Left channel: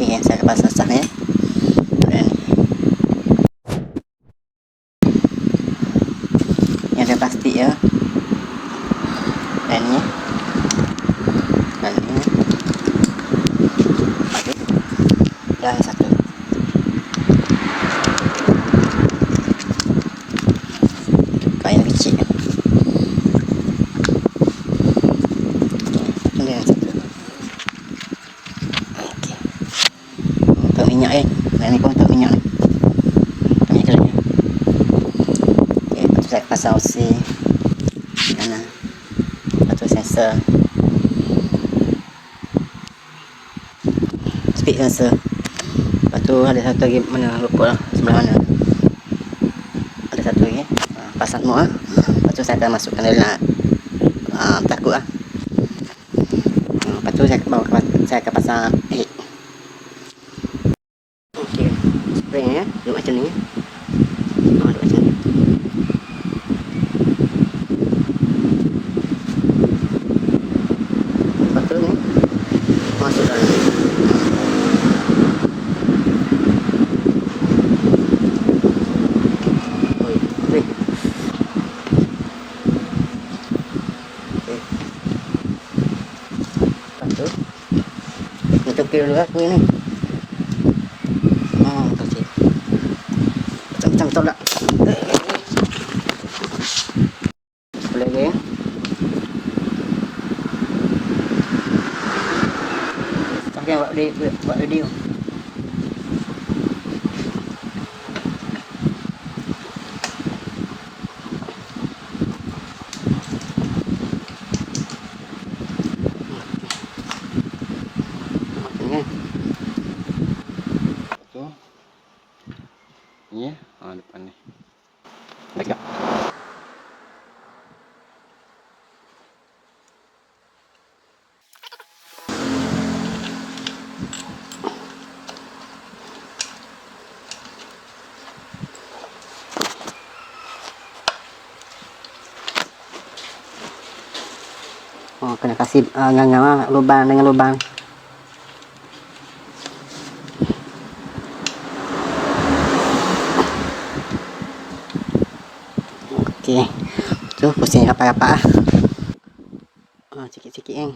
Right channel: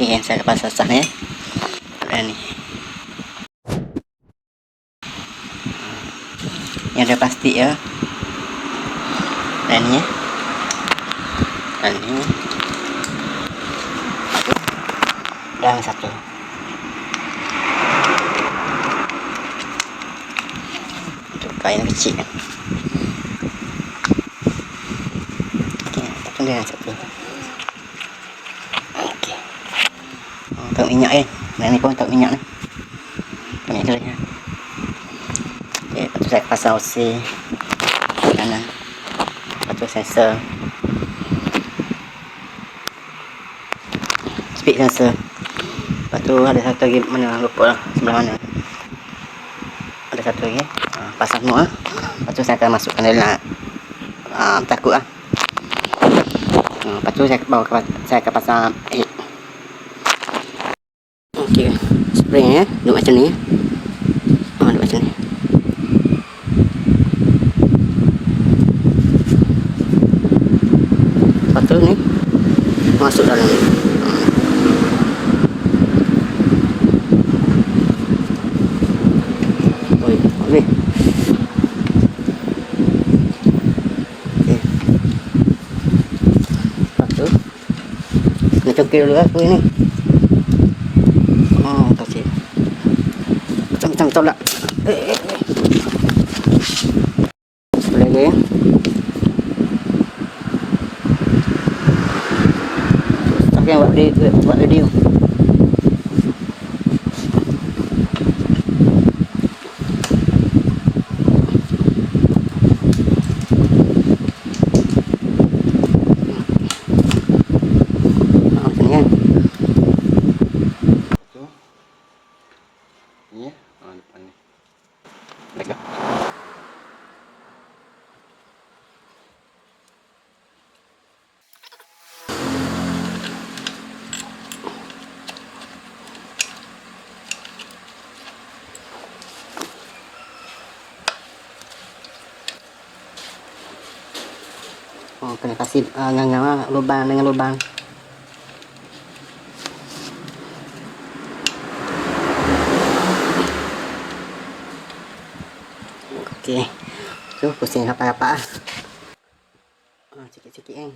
Okey, saya pasang sah ni. Dan ni. Yang ada plastik ya. Dan ni. Dan ni. Dan satu. Kain kecil kan. Okey, dan satu. Okey. Untuk minyak Dan ni pun untuk minyak ni. Minyak telurnya. Okey, lepas tu saya pasang OC. Kanan. Lepas tu sensor. Speed sensor. Lepas tu ada satu lagi mana lupa lah sebelah mana. Ada satu lagi. Pasang semua. Lepas tu saya akan masukkan dalam takut lah. Lepas tu saya akan pasang head. Okey, spring duduk macam ni. Duduk macam ni. Lepas tu ni masuk dalam ni. Ni. Nak cokil dulu aku ni. Kasih. Macam-macam lah. Sebelah lagi. Okey, buat video. Ya, depan ni. Baik. Kena kasih nganga lubang dengan lubang. Okey. Tu pusing rapat-rapat ah. Sikit-sikit kan.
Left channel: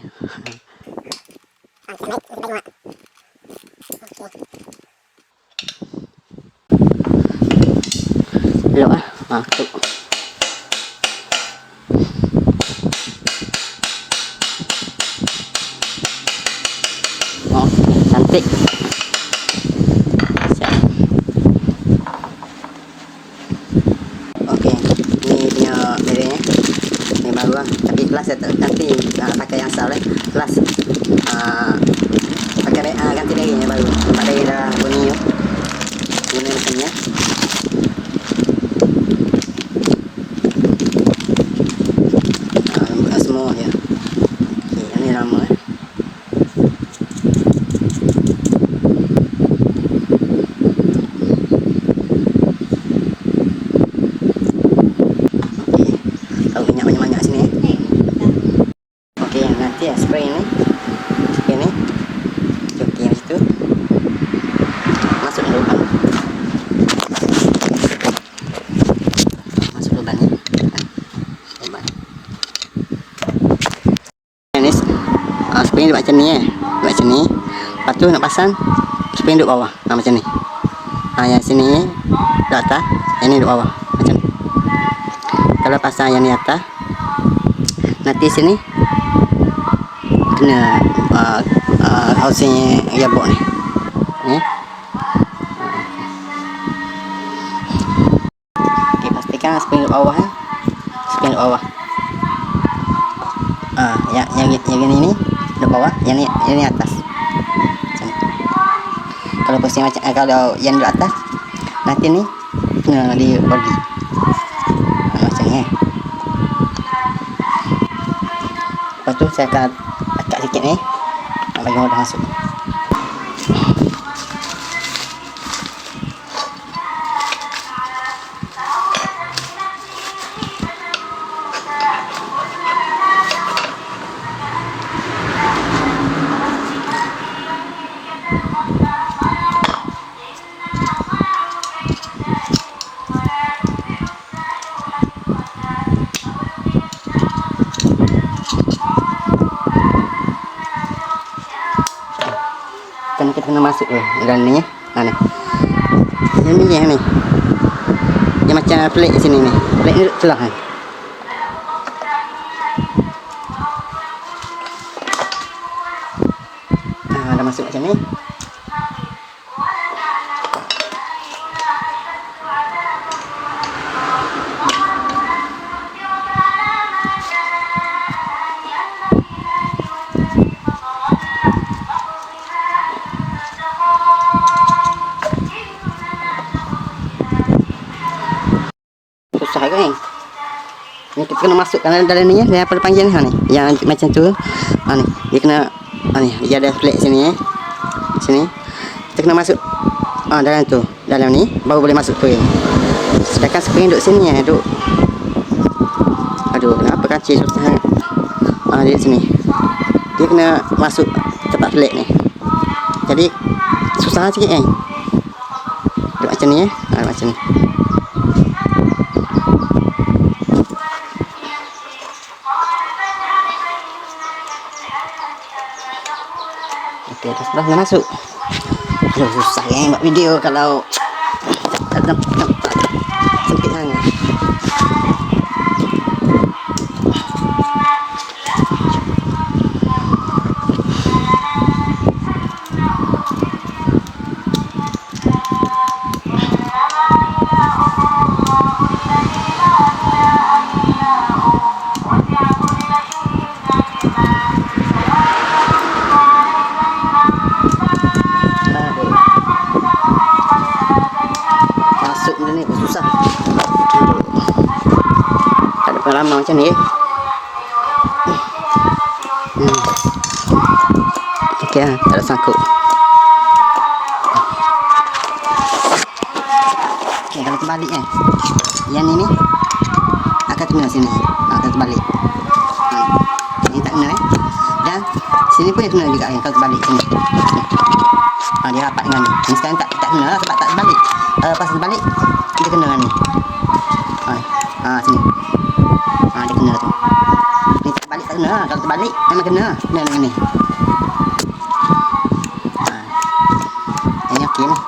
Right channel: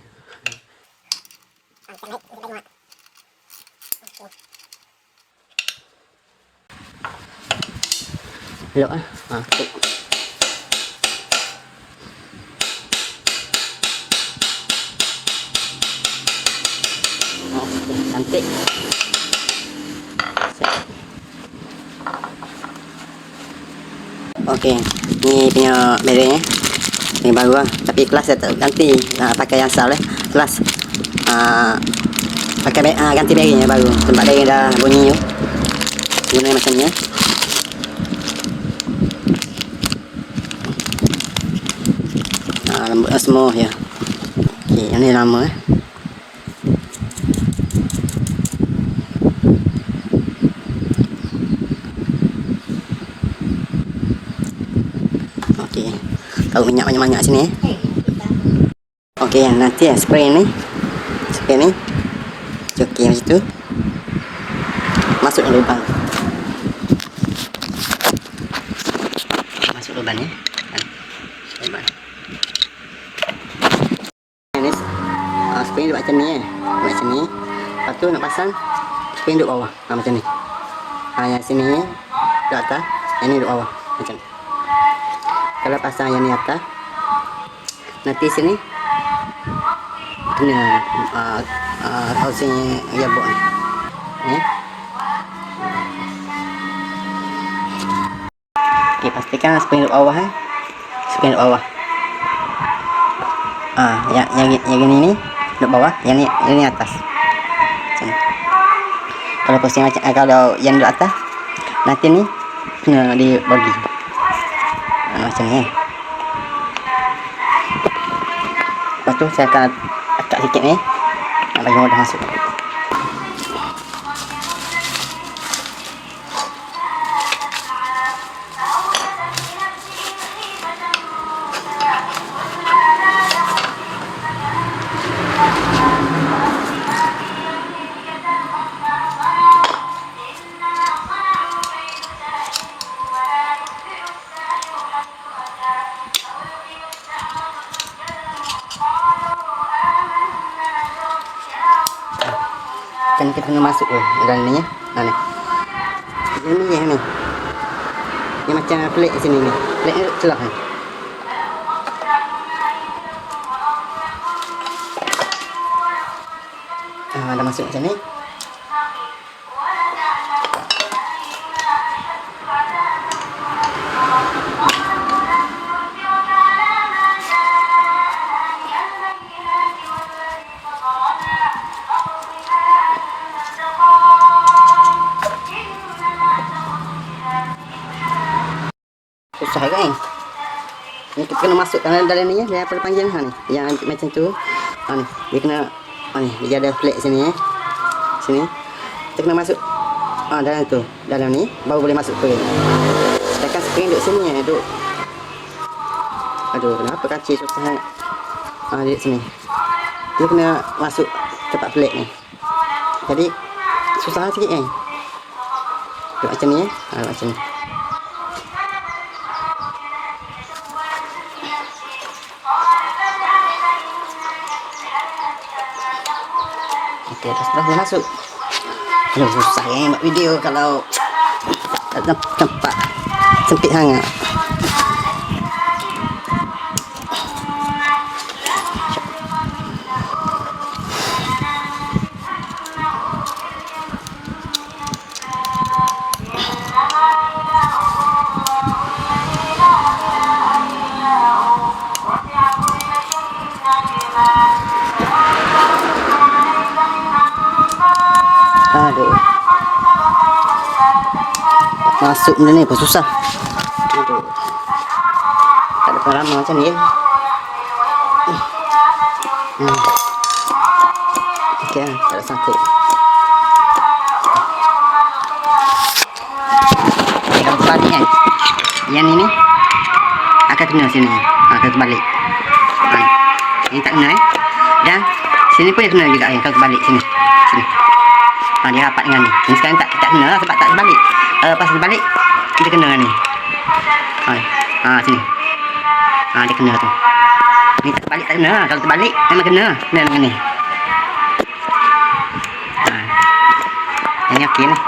Elok ah. Tu. Cantik. Okey, ni punya merek ni baru lah. Tapi kelas saya tak ganti, pakai yang asal kelas pakai ganti bearingnya baru. Tempat bearing dah bunyi tu. Guna macam ni. Lembut semua ya. Okey, yang ni lama tahu minyak banyak-banyak sini. Okey, nanti spray ni cuci macam tu, masuk lubang ni lubang ni spray duduk macam ni macam ni. Lepas tu nak pasang spray duduk bawah macam ni. Yang sini duduk atas, yang ni duduk bawah macam ni. Kalau pasang yang ni atas, nanti sini kena housing gearbox ni. Okey, pastikan spring duduk bawah spring duduk bawah. Yang ini ni duduk bawah, yang ni atas. Macam ni. Kalau pusing macam kalau yang duduk atas, nanti ni kena dibagi. Macam ni. Lepas tu saya akan akak sikit ni, nak bagi mudah masuk. Kan kita kena masuk dalam ni ya. Ni. Yang ni. Yang macam pelik di sini ni. Pelik ni celah kan. Dah masuk macam ni. Susah kan? Ni kita kena masukkan dalam ni ya. Yang apa panggil ni? Yang macam tu. Ni. Dia kena ni, dia ada flat sini sini. Kita kena masuk dalam tu. Dalam ni baru boleh masuk spring. Sedangkan spring duduk sini ya, duduk. Aduh, kenapa kancil susah? Dia sini. Dia kena masuk tempat flat ni. Jadi susah sikit kan? Duduk macam ni ya. Macam ni. Okey, dah dah masuk. Aduh, susah kan buat video kalau tak ada tempat sempit sangat. Masuk benda ni pun susah. Tak ada pengalaman macam ni. Okey lah, tak ada sangkut. Okay, kalau terbalik kan, yang ni akan kena sini. Akan terbalik. Ini tak kena dan sini pun dia kena juga kan, kalau terbalik sini. Dia rapat dengan ni. Ni sekarang tak kena lah sebab tak terbalik. Pas terbalik kita kena ni. Sini. Dia kena tu. Ni tak terbalik tak kena lah. Kalau terbalik memang kena dengan ni. Yang ni okey lah.